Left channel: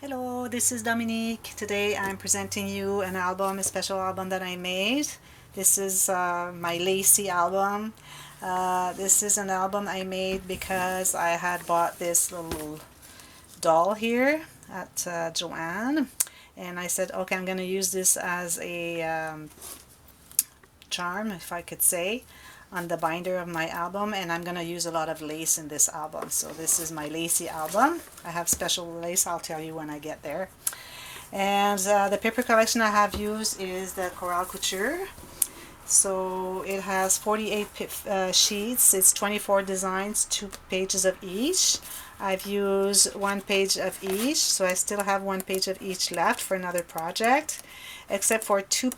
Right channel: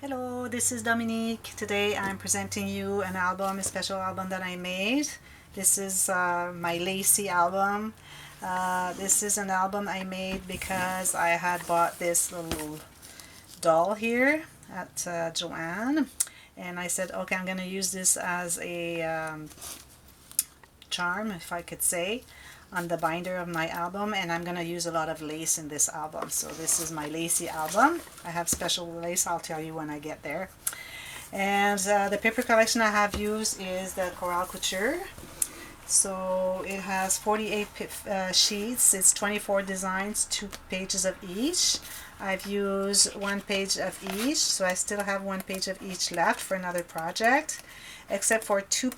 Hello, this is Dominique. Today I'm presenting you an album, a special album that I made. This is my Lacy album. This is an album I made because I had bought this little doll here at Joanne, and I said, okay, I'm going to use this as a charm, if I could say, on the binder of my album, and I'm going to use a lot of lace in this album. So this is my lacy album. I have special lace, I'll tell you when I get there. And the paper collection I have used is the couture. So it has 48 sheets, it's 24 designs, 2 pages of each. I've used 1 page of each, so I still have 1 page of each left for another project, except for two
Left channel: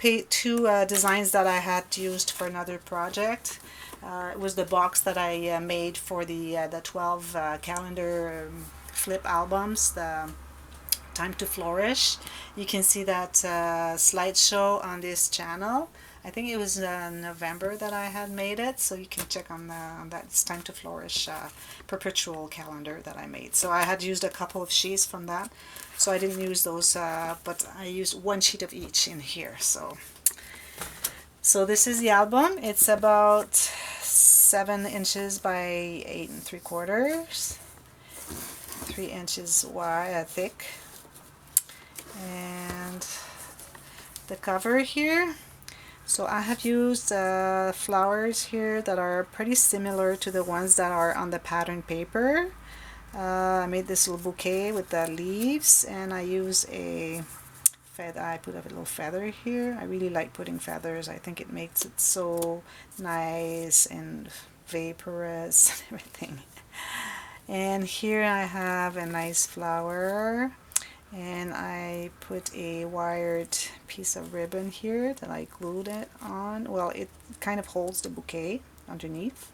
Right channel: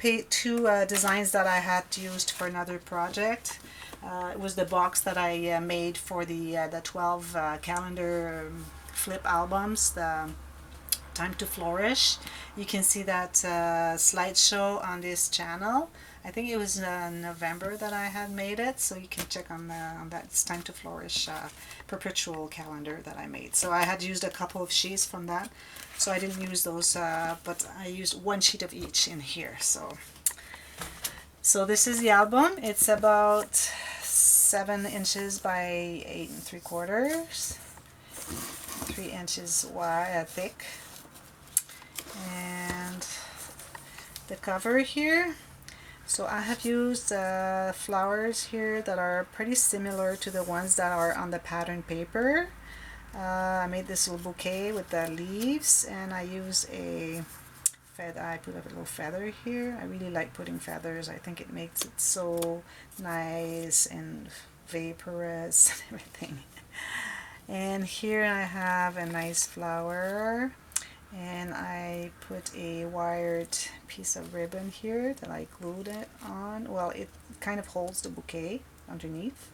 designs that I had used for another project. It was the box that I made for the 12 calendar flip albums, the Time to Flourish. You can see that slideshow on this channel. I think it was November that I had made it, so you can check on that. It's Time to Flourish perpetual calendar that I made. So I had used a couple of sheets from that, so I didn't use those, but I used 1 sheet of each in here. So this is the album. It's about 7 inches by 8 3/4, 3 inches wide, thick, and the cover here. So I have used flowers here that are pretty similar to the ones that are on the pattern paper. I made this little bouquet with the leaves, and I used a feather. I put a little feather here. I really like putting feathers. I think it makes it so nice and vaporous and everything. And here I have a nice flower, and I put a wired piece of ribbon here that I glued it on. Well, it kind of holds the bouquet underneath.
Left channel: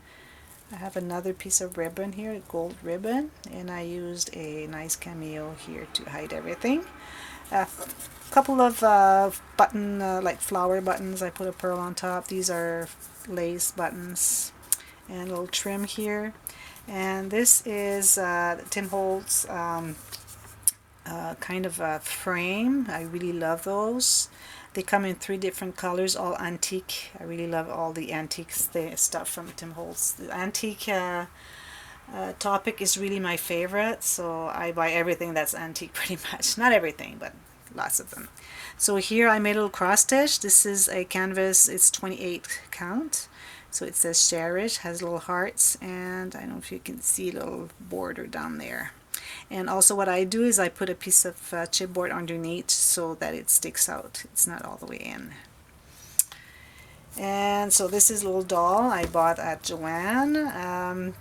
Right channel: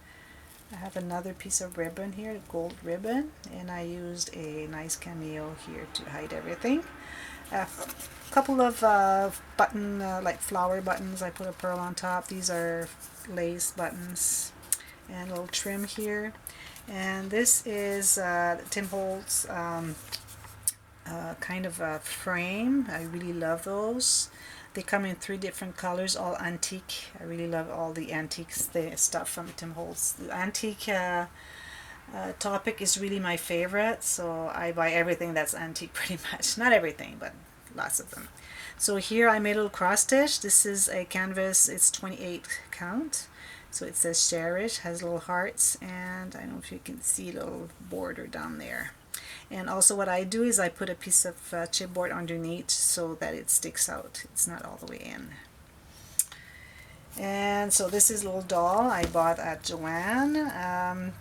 I have another piece of ribbon here, gold ribbon, and I used a nice cameo here to hide everything. A couple of button, like flower buttons. I put a pearl on top. These are lace buttons, and a little trim here. And this is Tim Holtz kind of a frame. I really love those. They come in 3 different colors, all antique. I really love all the antique stuff from Tim Holtz. The antique topic is really my favorite, so I buy everything that's antique pretty much. Not everything, but lots of them. So here I made a little cross stitch. This is a canvas, it's 28 count. So it says cherish, has little hearts, and I don't know if you can see a little border down there. And also what I do is I put a piece of chipboard underneath so that it sticks out. It's not all the way in. And so this is a little doll I bought at Joanne.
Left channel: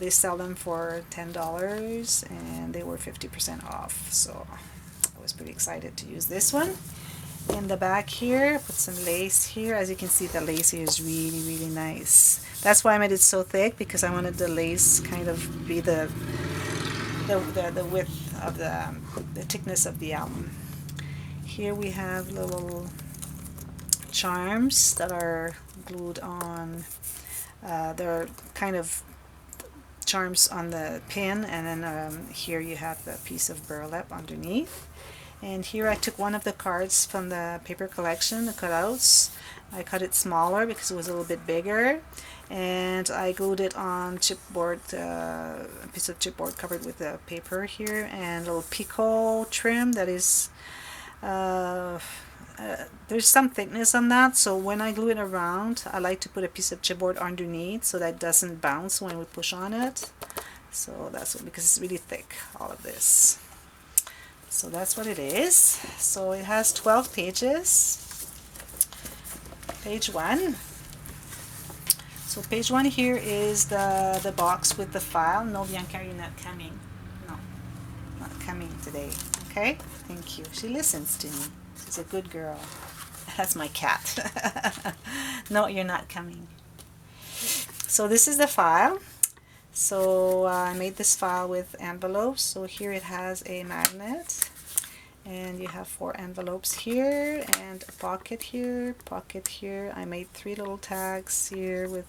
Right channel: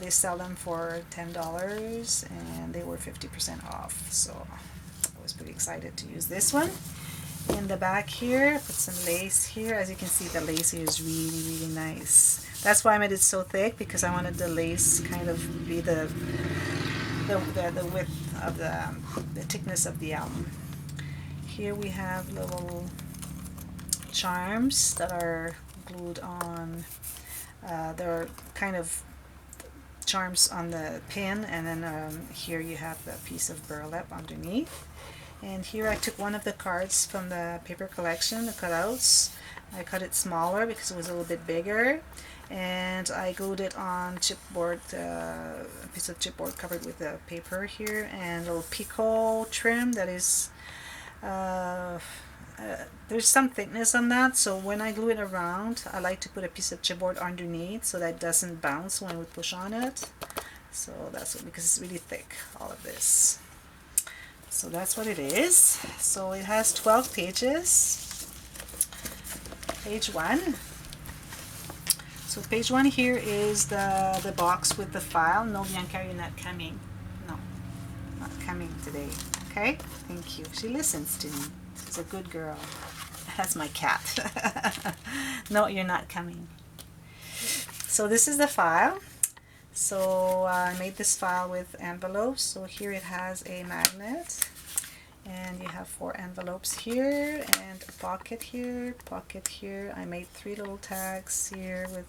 They sell them for $10, and they were 50% off. So I was pretty excited to use this one. In the back here, put some lace here. As you can see, the lace here is really nice. That's why I made it so thick, because I wanted the lace kind of be the width of the thickness of the album. Here we have little charms that are glued on. They're kind of charms on the pin, and then here you have the piece of burlap underneath. And here I took one of the cards from the paper collection, the cutouts. I cut it smaller because it was a little bit bigger, and I glued it on chipboard, a piece of chipboard covered with the paper here, and a little picot trim that is, there's some thickness on that, so when I glue it around, I like to put a piece of chipboard underneath so that it doesn't bounce when we push on it. So that's what, because it's really thick, all of this. So that's what it is. So it has 12 pages. Page 1. So page 1 here is the box with the file. No, Bianca, you're not coming. No, not coming today. Okay? Thank you. She listens to me. She's a good girl. That's my cat. No, you're not coming. So this is the file. So I made this file with envelopes. So here it has a magnet, and you have 4 envelopes here, and a pocket here, pocket here. I made 3 little tags here with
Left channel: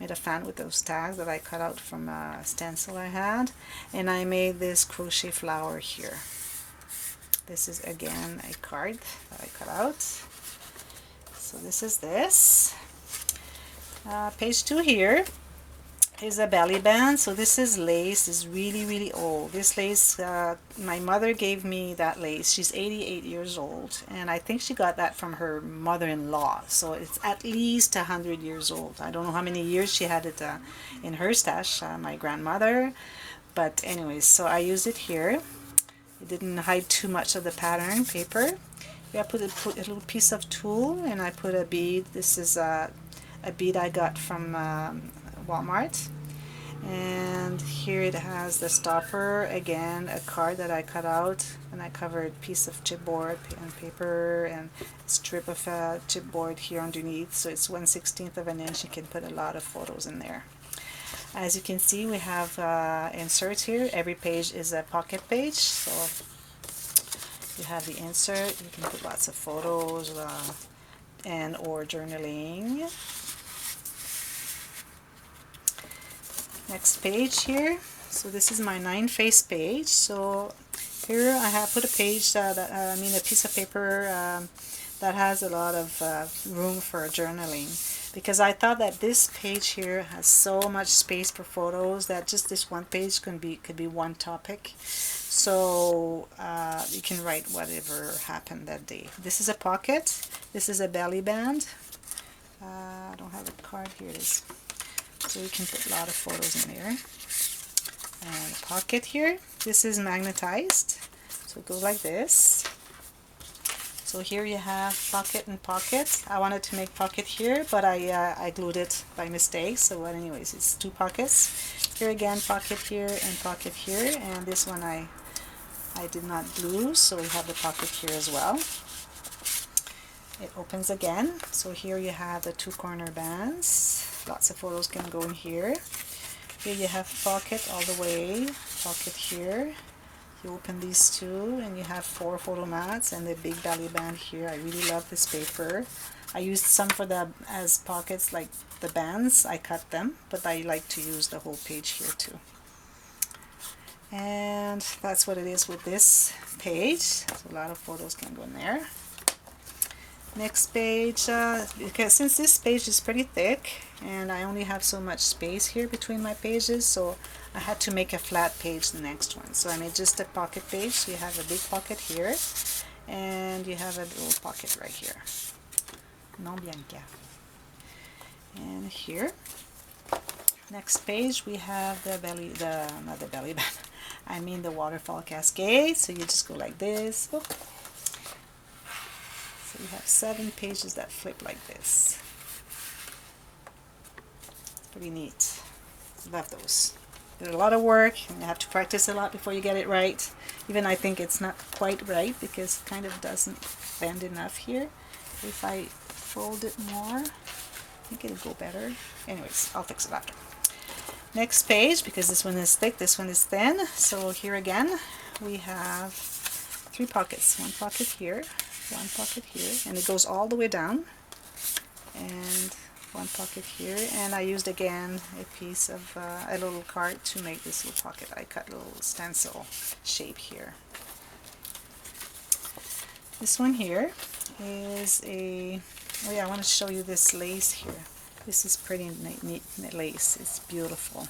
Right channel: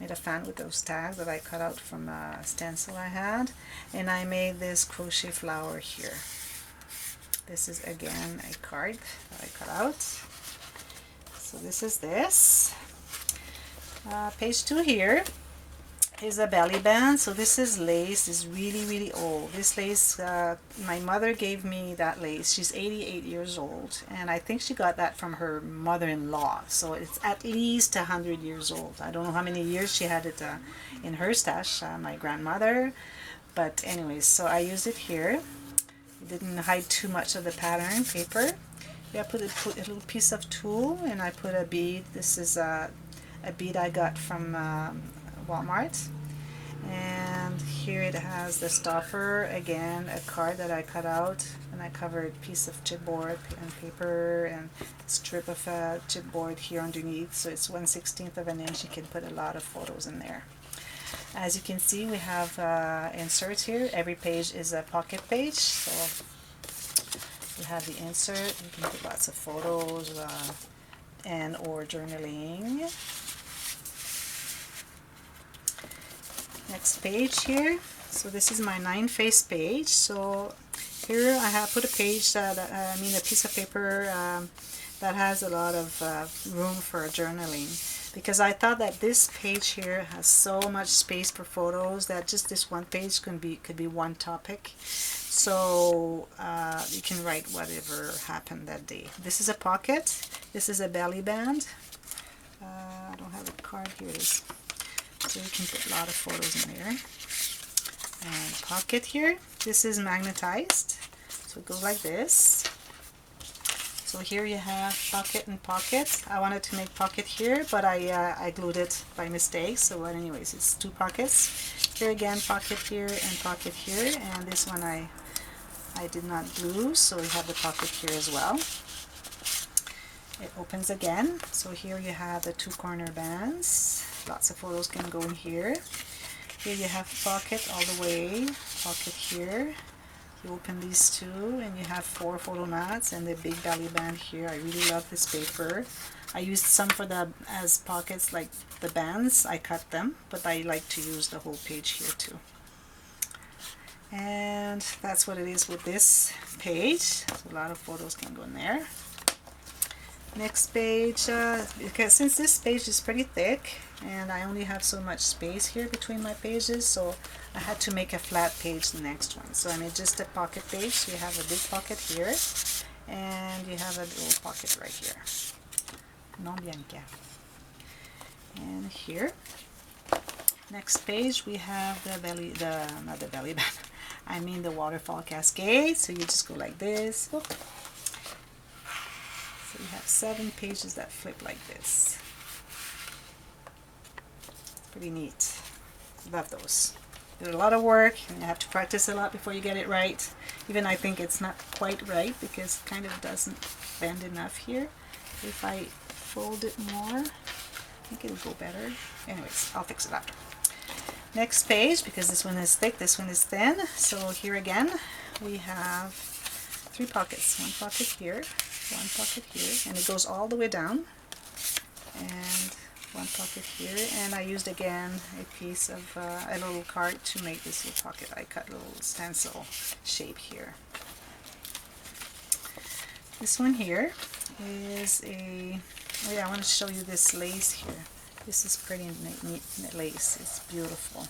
Made a fan with those tags that I cut out from a stencil I had, and I made this crochet flower here. This is again a card that I cut out. So this is this. Page 2 here is a belly band. So this is lace. It's really old. This lace, my mother gave me that lace. She's 88 years old, and I think she got that from her mother-in-law. So it's at least 100 years old. I don't know how many years she had it in her stash, my grandmother. But anyways, so I used it here. It didn't hide too much of the pattern paper. Yeah, I put a little piece of tulle, and I put a bead. This is a bead I got from Walmart. And here it has the stopper, again a card that I cut out, and I covered a piece of chipboard and paper and a strip of chipboard here underneath, so it's 1/16 of an inch. You can put a lot of photos in there. As you can see, we have inserts here. Every page is a pocket page, so you have the insert. You can put lots of photos and or journaling. Next page here. So this is my 9-face page. So here I have put a page a piece of paper that has a lot of room for journaling, because I thought that this page here has so much space for photos that just this one page could be one topic. So you can write whatever happened that day. This is a pocket. This is a belly band. I don't have a card. Here it is. So you can put a lot of photos in there. And a pocket here. This is magnetized. So it goes like this. So here you have pocket and pocket. I wanted to make pocket here, but I glued it by mistake. So anyways, it's 2 pockets. Here again, pocket here and pocket here. And this one I did not glue, so we have the pocket here as well. It opens again. So here you have the 2 corner bands. Lots of photos can go in here. Here you have pocket all the way. Pocket here. You open these 2 and you have 4 photo mats and the big belly band here. I really love this paper. I used some for as pockets, like the bands. I cut them, but I like to use the whole page here too. And that's what it is with this page. So a lot of photos can go in there. Next page, because since this page is pretty thick and I only have so much space here between my pages, so I had to make a flat page the next one. So I made just a pocket page. You have a big pocket here and you have a little pocket right here. Non Bianca. And here, next page, we have the not the belly band, I mean the waterfall cascade. So you just go like this. Oop. So you have 7 pages that flip like this. Pretty neat. Love those. There's a lot of work and you have to practice a lot before you get it right. Even I think it's not quite right because it kind of doesn't bend enough here. If I fold it more, I think it'll go better. Anyways, I'll fix it up. Next page, because this one is thick, this one is thin. So here again, we have 3 pockets. 1 pocket here, 1 pocket here, and it goes all the way down. And 1 pocket here, and I used again a piece of a little card to make this little pocket. I cut a little stencil shape here. This one here is a, oh yeah, I want to show you this lace here. This is pretty neat lace. It's beautiful.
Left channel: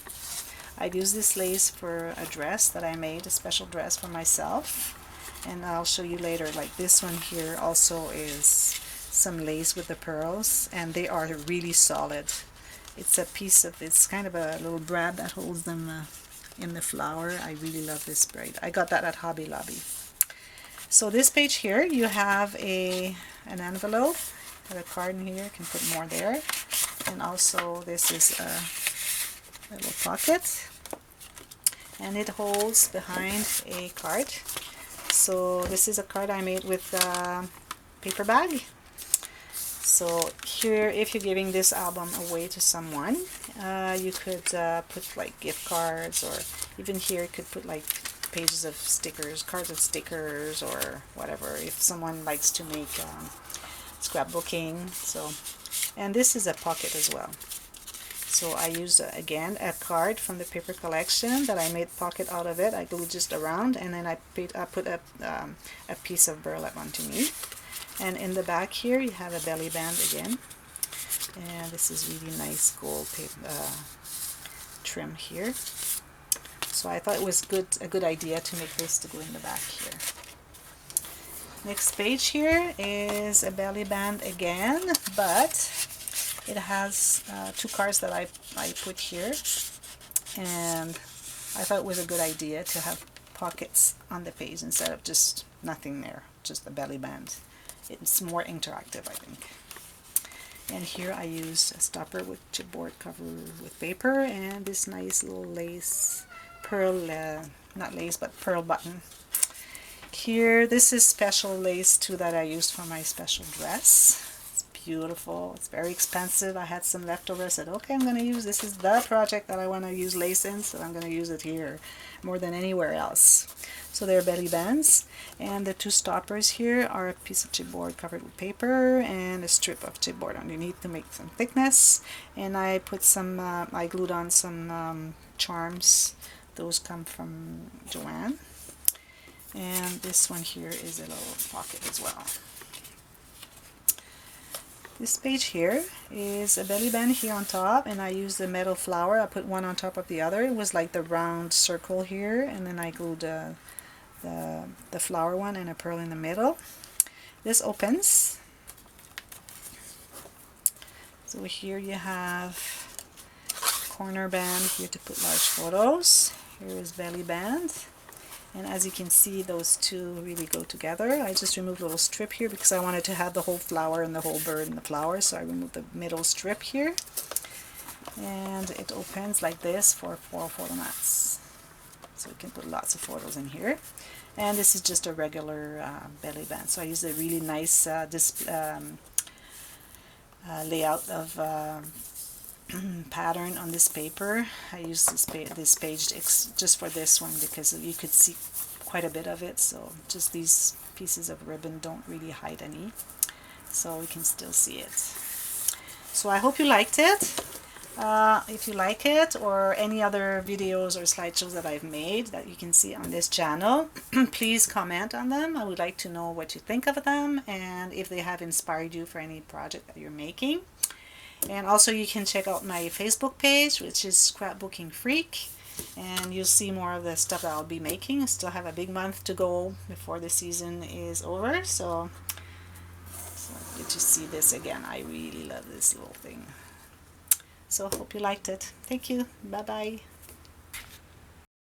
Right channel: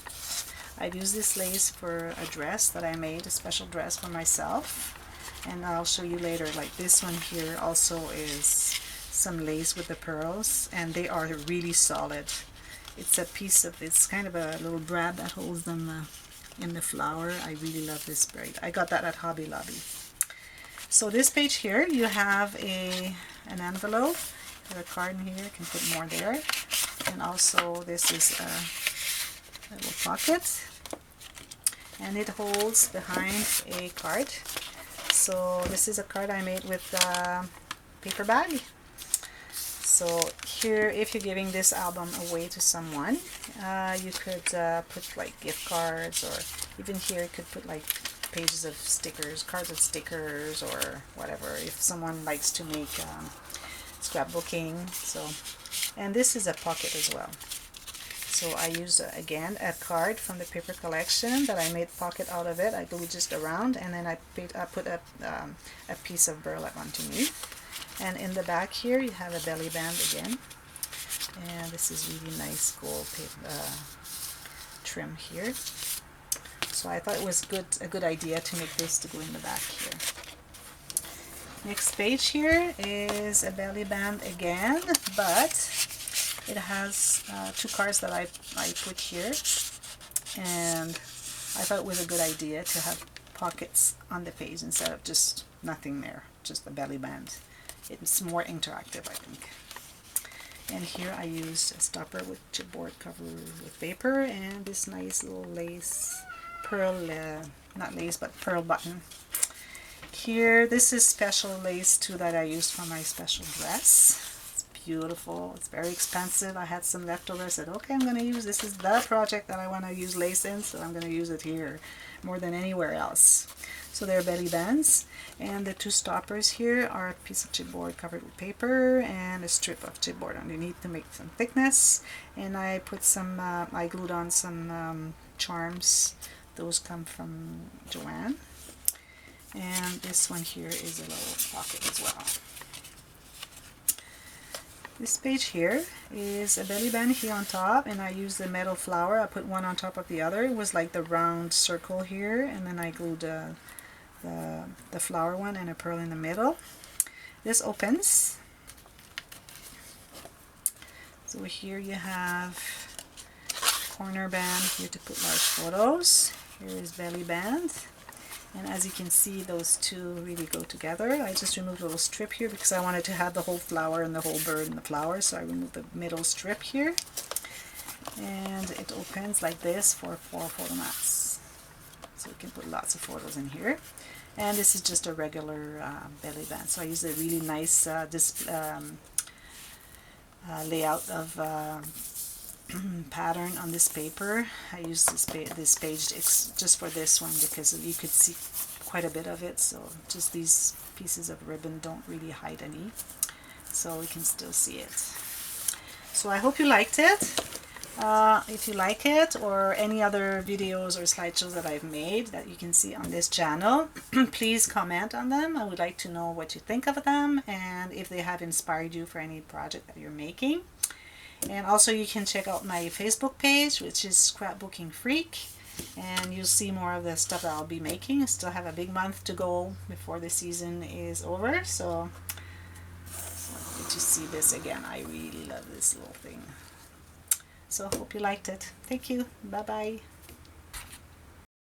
I used this lace for a dress that I made, a special dress for myself, and I'll show you later. Like this one here also is some lace with the pearls, and they are really solid. It's a piece of, it's kind of a little brad that holds them in the flower. I really love this braid. I got that at Hobby Lobby. So this page here, you have an envelope, got a card in here, you can put more there, and also this is a little pocket, and it holds behind a card. So this is a card I made with a paper bag. So here, if you're giving this album away to someone, you could put like gift cards, or even here you could put like pages of stickers, cards of stickers, or whatever, if someone likes to make scrapbooking. So, and this is a pocket as well. So I used again a card from the paper collection that I made pocket out of it. I glued just around, and then I put a piece of burlap underneath. And in the back here you have a belly band again, and this is really nice gold paper, trim here. So I thought it was a good idea to make this to go in the back here. Next page here is a belly band again, but it has 2 cards that I put here, and I thought it was a good idea to have pockets on the page instead of just nothing there, just the belly band. It's more interactive, I think. And here I used a stopper with chipboard covered with paper, and this nice little lace, pearl, not lace, but pearl button. Here, this is special lace too that I used for my special dress. It's beautiful. It's very expensive. I had some leftover. I said, okay, I'm going to use this. Is the project that I want to use lace in, so I'm going to use it here more than anywhere else. So they're belly bands. And the 2 stoppers here are a piece of chipboard covered with paper and a strip of chipboard underneath to make some thickness. And I put some, I glued on some charms. Those come from Joanne. And this one here is a little pocket as well. This page here is a belly band here on top, and I used the metal flower. I put one on top of the other. It was like the round circle here, and then I glued the flower one and a pearl in the middle. This opens. So here you have corner band here to put large photos. Here is belly band. And as you can see, those two really go together. I just removed a little strip here because I wanted to have the whole flower and the whole bird and the flower, so I removed the middle strip here. And it opens like this for 4 photo mats. So you can put lots of photos in here. And this is just a regular belly band. So I used a really nice layout of pattern on this paper. I used this page just for this one because you could see quite a bit of it, so just these pieces of ribbon don't really hide any, so we can still see it. So I hope you liked it. If you like it, or any other videos or slideshows that I've made that you can see on this channel, please comment on them. I would like to know what you think of them and if they have inspired you for any project that you're making. And also you can check out my Facebook page, which is Scrapbooking Freak, and you'll see more of the stuff that I'll be making. I still have a big month to go before the season is over, so good to see this again. I really love this little thing. So hope you liked it. Thank you. Bye bye.